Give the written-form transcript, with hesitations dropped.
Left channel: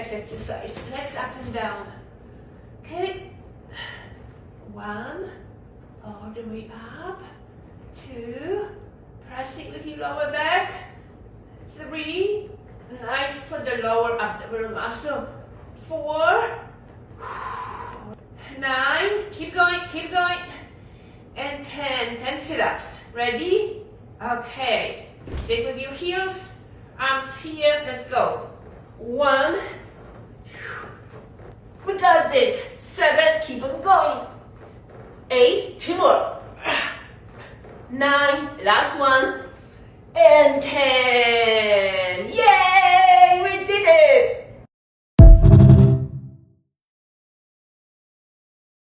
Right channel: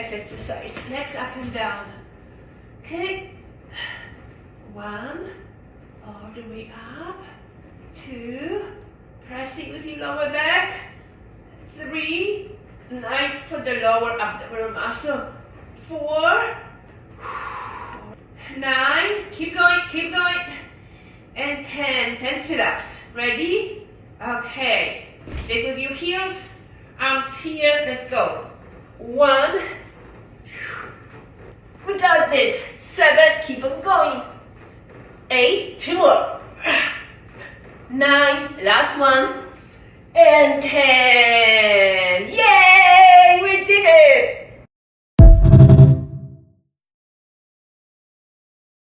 Next exercise, legs up and down. Okay, 1, all the way up, 2, press it with your lower back, 3, nice for the lower abdominal muscle, 4, 9, keep going, and 10 sit-ups. Ready? Okay, dig with your heels, arms here, let's go. 1, we got this, 7, keep on going, 8, 2 more, 9, last one, and 10, yay, we did it!